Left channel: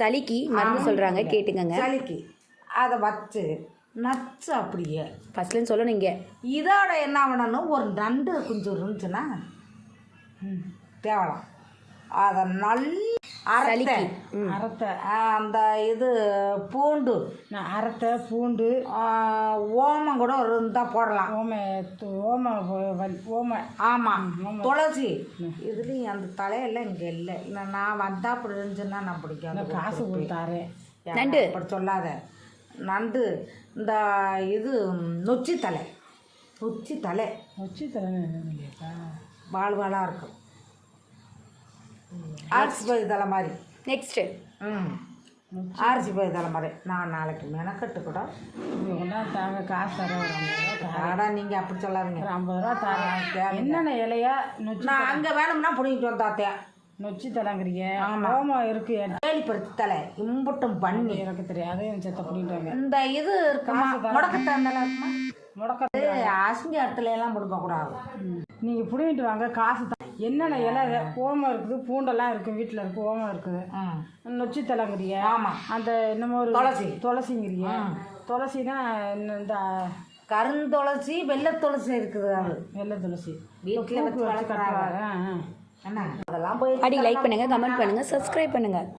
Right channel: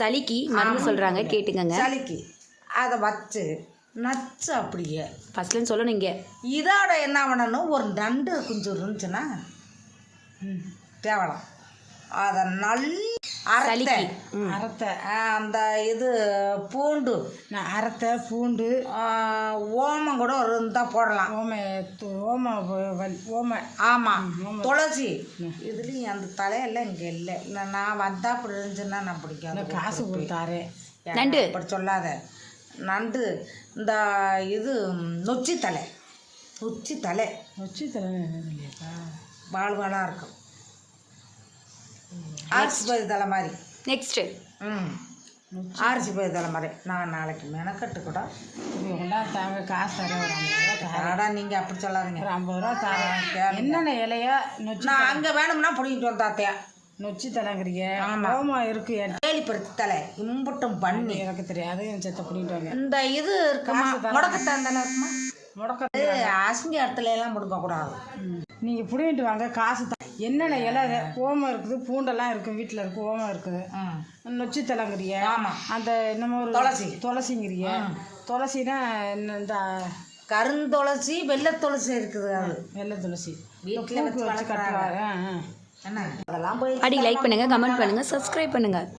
சளிக்கு மருந்து சொல்கிறாங்க, கேட்டுக்கங்க. சளிக்கு அதை வச்சு நச்சு அப்படியே ஃபஸ்ட்லேருந்து சொல்லணும். இங்கே இதோட என்ன பண்ணணும், ஒரு நண்டு குஞ்சு இருந்துச்சுன்னா தேவலாம் அதை சளிக்கு அரைத்த அந்த இது பூண்டு அரைத்த பூண்டு ஓமம் கூட இருந்தால் போடலாம். ஓம ஆமாம், துளசி இதுலேயும் அந்த தலையெல்லாம் இங்கே இல்லை. நான் வந்தால் அப்படி இருந்துச்சுன்னா நான் பிடிக்கும். காசு கொடுத்தாரு நண்டு அப்படி சொல்லாத. நண்டு இந்த இது நொச்சி தலை வாழ்வாளாக இருக்கும். ஆரிசி பயிர் தலை மாதிரி. நெக்ஸ்ட்டு ஆரிசி பயிர் தலை மாதிரி. நான் நாளைக்கு மெனக்கட்டு கூட தாங்க காசு தர. நீங்கள் அப்படி சொல்லாதீங்க. 50 ரூபா தரேன். என்னென்ன இலையா நான் அங்கே வேணும்னா பிடிக்கிட்டு வந்தாத்தியா. நொச்சி தலைங்கிறீங்க. ஓமம் இருக்கு. ஏழிப்பருத்தி தலை இம்புட்டும் பண்ணி எனக்கு தெரியாது. என் செத்த பிடிக்கிட்டு வாங்க. இந்த இது இருக்குமா, முடக்கத்தான் இருக்குமா? முடக்க அசிங்க இடத்துல எல்லாம் முடுக்கக்கூடாது. நீங்கள் பிடிங்கிட்டு வாங்க, காசு தான். என்னென்ன இலை ஓமம் இருக்குது, பூண்டெல்லாம் இருக்குது, வீட்டில் இருக்குது, ஓமம் இருக்குது. நொச்சி தலைங்கிறிய. ஆமாம். அந்த என்னமோ ஒரு துளசிங்கிறிய. துளசினா இந்த கருந்துளசி வெள்ளை துளசி இருக்குது. அது வெள்ளை துளசி வீட்டில் வச்சு வளர்க்குறாங்க. என்ன அதெல்லாம் போய் லைக் பண்ணுங்கள், கமெண்ட் பண்ணுங்கள், சப்ஸ்கிரைப் பண்ணுங்கள்.